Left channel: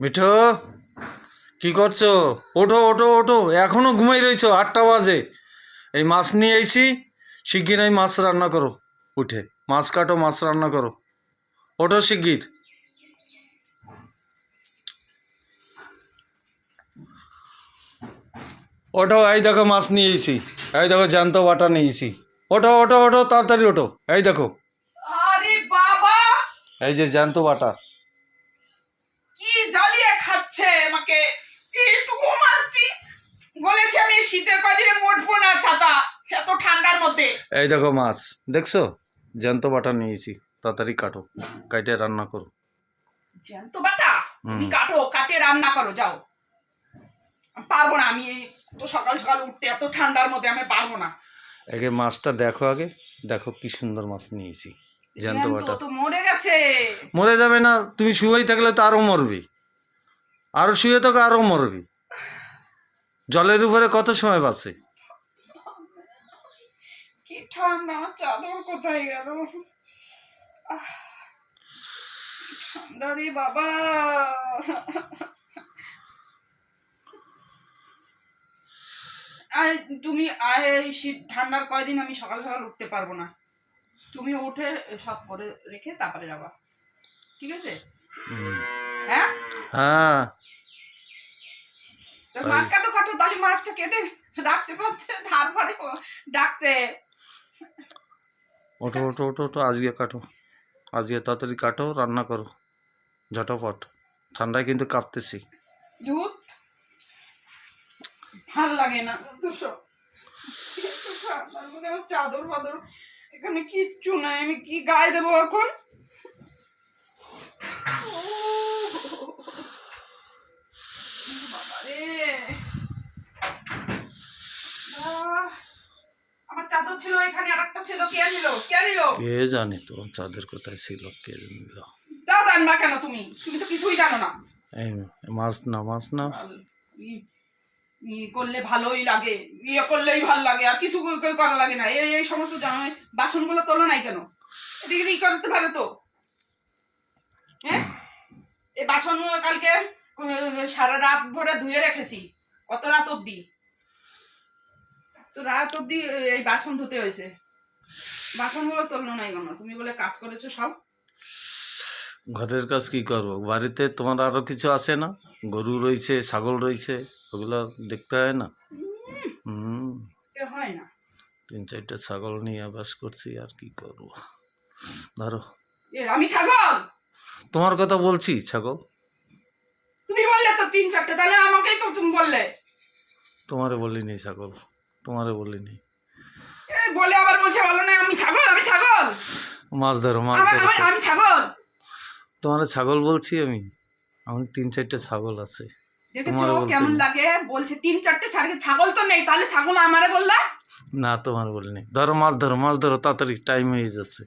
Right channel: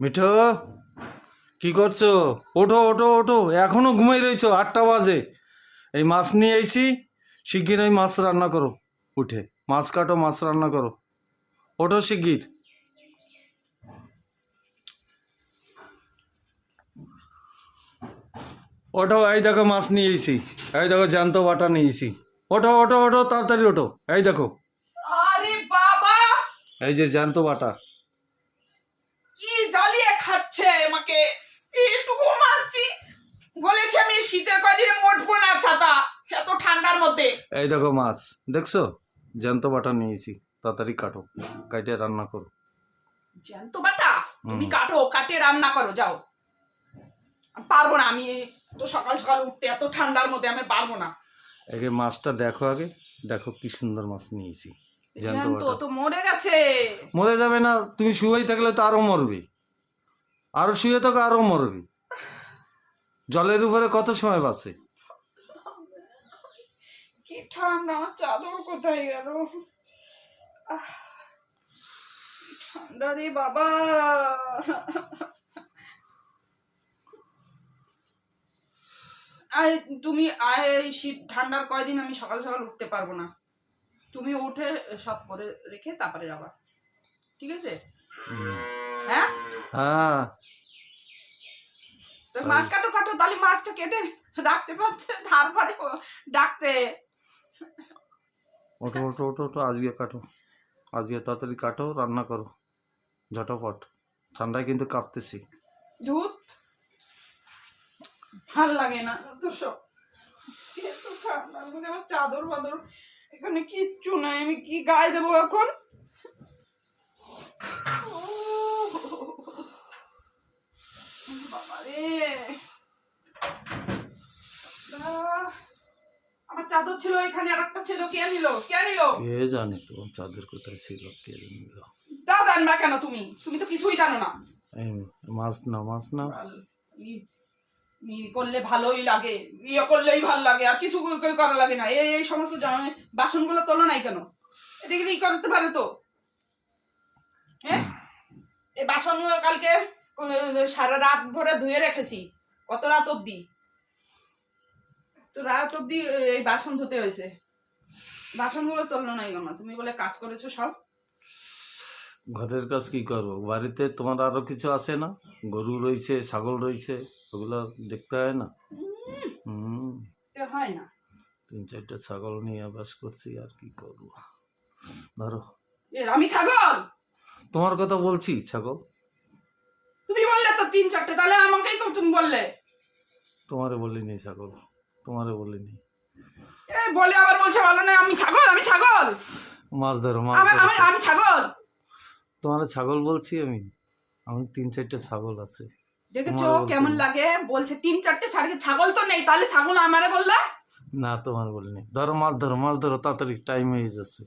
মিঠো, কি করছো? ওঠো ওঠো ওঠো, এখনো ঘুমাই রয়েছো, 8টা বাজে। এই মাছ নিয়ে এসি, শিগগির এই মাছ রান্না করো। উঠে মাছ কাটো, মাছ রান্না করো। ওঠো শিগগির। ওঠো, এই দেখো মাছ নিয়ে এসি, এই দেখো জ্যান্ত বাটা নিয়ে এসি। ওঠো ওঠো ওঠো, তাড়াতাড়ি ওঠো। এই দেখো, আরে বাবা, এই যে জ্যান্ত বাটা। কি জ্বালিয়ে খাচ্ছে আমাকে। এইটুকু মারছি, বলেছি আমি শীতের কদিনে মোটবো না ছাতা, এত ঠান্ডার মধ্যে। এই দেখো মাছ, দেখছো? জ্যান্ত বাটা নিয়েছি, তাড়াতাড়ি কাটো, কাটে রান্না করো। জ্যান্ত বাটা তুমি কাটো, কাটে রান্না করো, যাও। আমি পারবো না, আমি তো সকাল সকাল উঠতে এত ঠান্ডার মধ্যে আমি পারবো না। আগে মাছটা দেখো, আগে দেখো কি সুন্দর মাছ নিয়েছি, জ্যান্ত বাটা। তো মরে গেছে। মরে যাবে না? তুমি শুয়েই থাকলে তো আরো মরবি, আরো শুয়ে থাকো আরো মরবি। জলের উপরে কত সময় বাঁচে? কি ঠান্ডা, আমার চাদর কোথায় গেল? ঠান্ডা রে বাবা। আর তুমি এই শীত ঠান্ডার কয়দিন আমি সকাল সকাল উঠতে পারবো না। তুমি উঠে সব করে রেখে তারপরে যাবা, ঠিক আছে? হ্যাঁ হ্যাঁ, তো মাছ কাটো কাটো, তাহলে মাছটা কেটে রাখতে পারতে, তারপরে ডাকতে। ওঠো ওঠো ওঠো ওঠো, আজকে কাটো, আজকে তাড়াতাড়ি কাটো, রান্না করো ঝটাপট। ঠান্ডায় কিন্তু কাঁপতেছি। দুধ ভাল লাগে না তো সব। ঠান্ডার মধ্যে আমার চাদর ফাদর এখানে কিচ্ছু নাই, আমি কি গায়ে দেবো এখন? বাবারে, আমার চাদর ছিল এখানে, আর একটা ছিল, কে নিল? কে নিল? কে জানি তো চাঁদের কোথায় ছিল, কে নিল। তা জানবা কেন তুমি? তুমি তো কিছুই জানো না। এই মাছ না, মাছ না। করলে ভালোই লাগে, ইয়ে করলেই ভাল লাগে, আর কিছু করা লাগে না। এই এই সমস্ত বাসনগুলো তোলো নাই কেন? এদিকে ই করতে পারে তো। হ্যাঁ, এই বাসনগুলো কালকে সারা রাত ভরে ধুয়ে রেখেছি, কত রাত অব্দি, তো রাত অব্দি এই বাসন ধুতে হয়েছে। বাসনগুলো তোলো নাই কেন? তুমি বলে কাজ করেছো সব। ঘরের কাজ কি করবো? বাড়িতে তোমার আরো কিছু আছে না? গরু রয়েছে, ছাগল রয়েছে, ওগুলো দেখতে হয় না? হয় না। 3-4টা ছাগল নিয়ে বাস করছি, আর কি করবো। ধরো, আমি ছাগল? তোমার কথা বলছি, ছাগল। তুমি বললে তো 3-4টে, তাহলে আমাকেই তো তুমি বললে। তোমারে বলিনি ছাগল, তোমারে বলিনি। বলে আবার বলছে ভালো না, আমি ছাগল, আমি ছাগল। মাছ ধরো, মাছ ধরো। আমি ছাগল? তোমার ছাগল বলছি আমি, আমার 3-4টে ছাগল আছে। দেখেছো কেমন লাগে? বলছে 3-4টে ছাগল তো নেই, তাহলে ছাগল আমারে বললা? না, তোমার বলিনি। ধরো মাছ ধরো, মাছ ধরো, তাড়াতাড়ি টাইম হয়ে যাচ্ছে।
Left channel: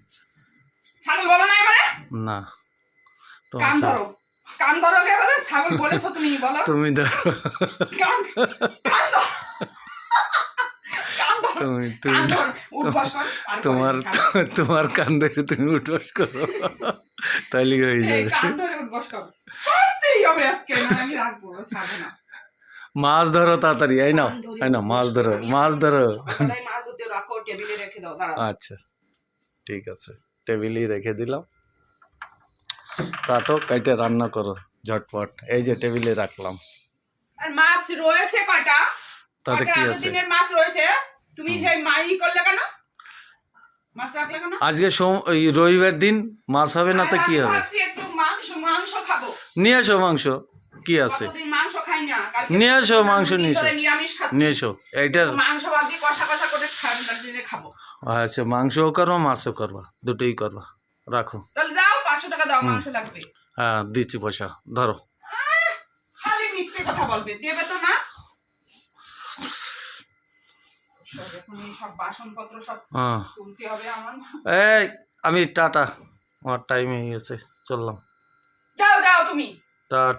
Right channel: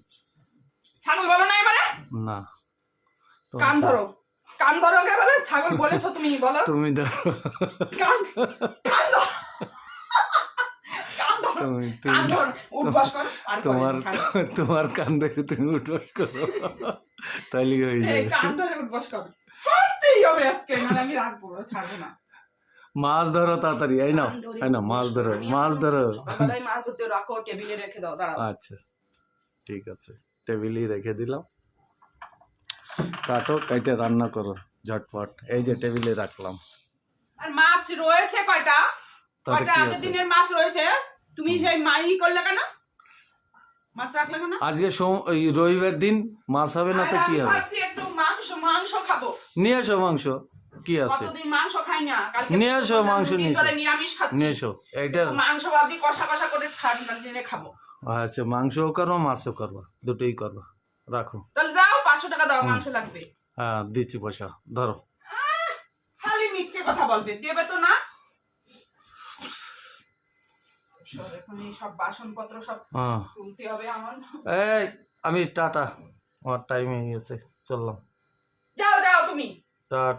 ছাগল বলো না এবারে? না, কান ধরো, কান ধরো। কে বলে ছাগল বলেছো তুমি? বলো তুমি ধরো। কান, কান ধরো, কান ধরো, কান ধরো, উঠবাস কর। তোমার কান ধরে তুমি উঠবাস করো, তাহলে হয়ে যাবে। কান ধরে উঠবাস কর, করতেই হবে আজকে, না আমি রাখবো, ছাড়বো না। মাছ ধরো তাড়াতাড়ি, এই নাও, এই নাও, মাছ ধরো, মাছ ধরো। মাছ হতে রাখো, টেবিলে রেখে দাও, দাঁড়াও। আচ্ছা, ঠিক আছে, টেবিলেই রেখে দিলাম। কাটো, কাইটে রান্না করো ঝটপট। এই যে টেবিলে রাখলাম। আর মাছ রয়েছে কয়টা? তাতে কি আছে? দিনের মাছ রয়েছে, তুমি সেই মাই করলে কেন? মাছ রাখলে কেন? আজকে ওই রবিবার দিন মাছ হবে না তো কি হবে? ভাবছি একটু মাংস খাবো। নিয়ে এসো মাংস, কি আছে? কতদিন মাংস খাই না, কালকে নিয়ে এসো মাংস, নিয়ে এসো, নিরামিষ খাচ্ছি। নিয়ে এসো। এইটার মাংস ভাবছি কষা কষা করে দিনে খাবো। আচ্ছা, মাংসও করবা, মাছও করবা, দুটোই করবা। রাখো, তাহলে দাও, 500 টাকা দাও, মাংস লাগবে। হ্যাঁ দিচ্ছি পয়সা, ধরো। খালি মিথ্যে কথা বলবে, দেবে তো না? এখন এই সব বাসনপত্র সব তুলতে হবে আমার। এই আমি টাটা, আমার টাইম হয়ে গেছে, চললাম। যাও যাও তুমি। টাটা।